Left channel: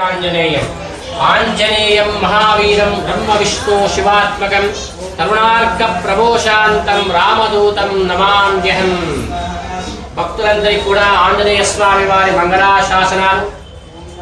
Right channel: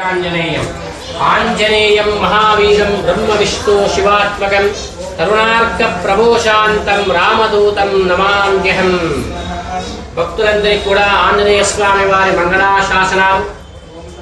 ఆంజనేయం. ఆంజనేయం మహావీరం బ్రహ్మ విష్ణు శివాత్మకం. తరుణార్క ప్రభోశాంతం రామదూతం నమామ్యహం. భక్తులందరికీ కూడా ఆంజనేయ స్వామి వారి మంగళాశాసనాలు.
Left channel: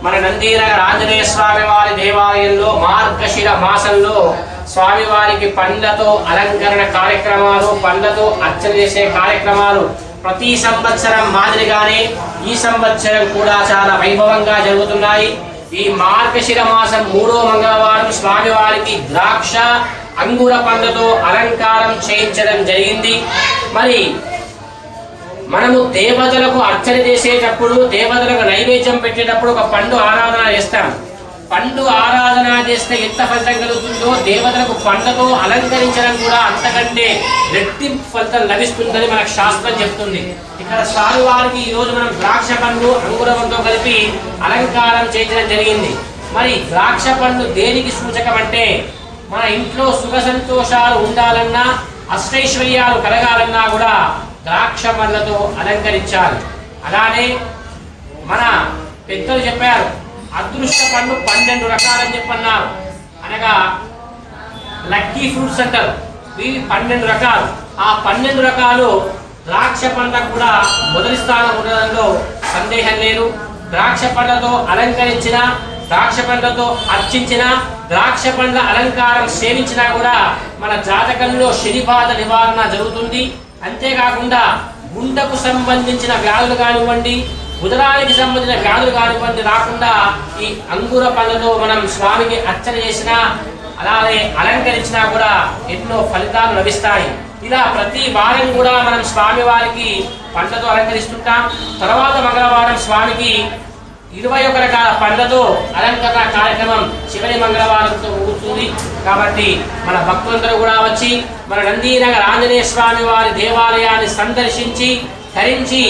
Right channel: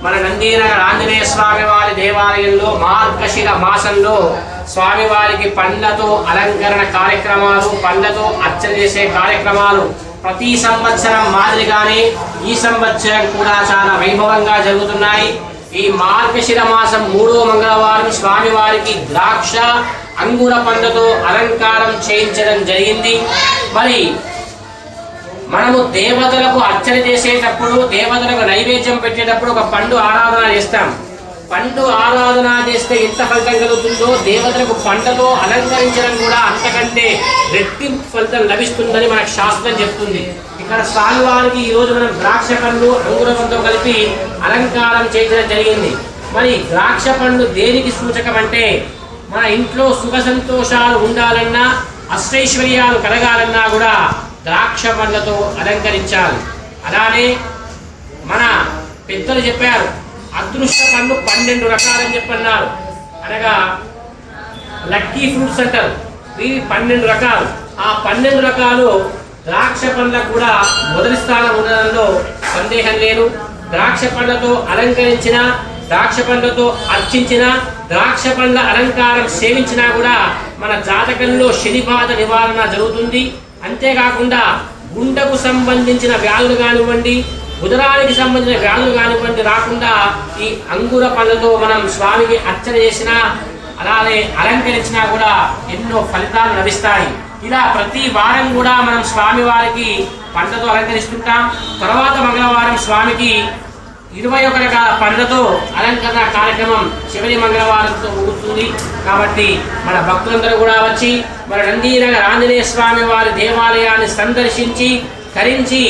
మన నందీనగర్ ఆంజనేయ స్వామి వారి దేవాలయంలో మార్గశిర మాసంలో స్వామివారికి పండ్లతో అలంకరణ కార్యక్రమాలు పండ్లతో అర్చన చేసే కార్యక్రమాలు ప్రతి సంవత్సరం మాదిరిగానే ఈ సంవత్సరం కూడా చాలా వైభవంగా జరుగుతున్నాయి. ఈ మార్గశిర మాసం మూడో మంగళవారం స్వామివారికి ద్రాక్ష అంగుర పండుతో అలంకారం చేయించడం జరిగింది. మరి మనము దేవతలకు అర్చన చేసేటప్పుడు దేవతలకు నైవేద్యం పెట్టేటప్పుడు ఒక పండు ఆరాధన చేస్తాం. పండు ఆరాధన చేస్తే ఎంత ఫలితం కలుగుతుందో దేవతలకు పండ్లతో అలంకరించడం కూడా అంతకంటే రెట్టింపు ఫలితం లభిస్తుందని మనకు శాస్త్రం చెప్తుంది. ఇక్కడ స్వామివారికి ఈ రోజు మనం ద్రాక్ష పండ్లు అంగురంతో కలిపి అలంకారం చేయించడం జరిగింది. మరి ద్రాక్ష పండ్లు దేనికి సూచకం అంటే మన ఇంట్లో సుఖ సంతోషాలు ఉండాలన్నా అష్టైశ్వర్యాలు కలగాలన్నా కూడా ద్రాక్ష పండ్లతో అలంకరించాలి. అలానే మన పెద్దలు చెప్పారు అదృష్ట పండ్లు పన్నెండు రకాలని చెప్పన్నారు. అనగా లక్కీ ఫ్రూట్స్ అంటారు. ఇవి పన్నెండు రకాలు. ఆ పన్నెండు రకాలు ద్రాక్ష పండ్లకు కూడా మొదటి స్థానం ఉండడంలో సందేహం లేదు. ద్రాక్ష పండ్లతో అలంకరించిన ద్రాక్ష పండ్లతో అర్చించిన ద్రాక్ష పండ్ల అలంకారం సేవించినా కూడా మన జాతకంలో శని బాధ నివారణ జరుగుతుంది. అంతేకాకుండా గుండెకు సంబంధించిన వ్యాధులు కానివ్వండి ఉదరానికి సంబంధించిన వ్యాధులు కానివ్వండి రాకుండా ఈ అంగుర పళ్ళతో మనం స్వామికి అర్చన చేసినా అలాగే అలంకరించినా కూడా ఎన్నో ఫలితాలు లభిస్తాయి. ఇలా ప్రతి వారం కూడా మనం స్వామి వారికి పండ్లతో అలంకరిస్తుంటాం. తర్వాత మంగళవారం స్వామికి ఇరవై ఒక రకాల పండ్లతో అలంకరణ కార్యక్రమం శివని మంగళవారంతో ముగుస్తుంది. కాబట్టి మన భక్తులందరూ కూడా వచ్చి మన నందీనగర్ ఆంజనేయ స్వామి వారి దేవాలయాన్ని సందర్శించి ధరించి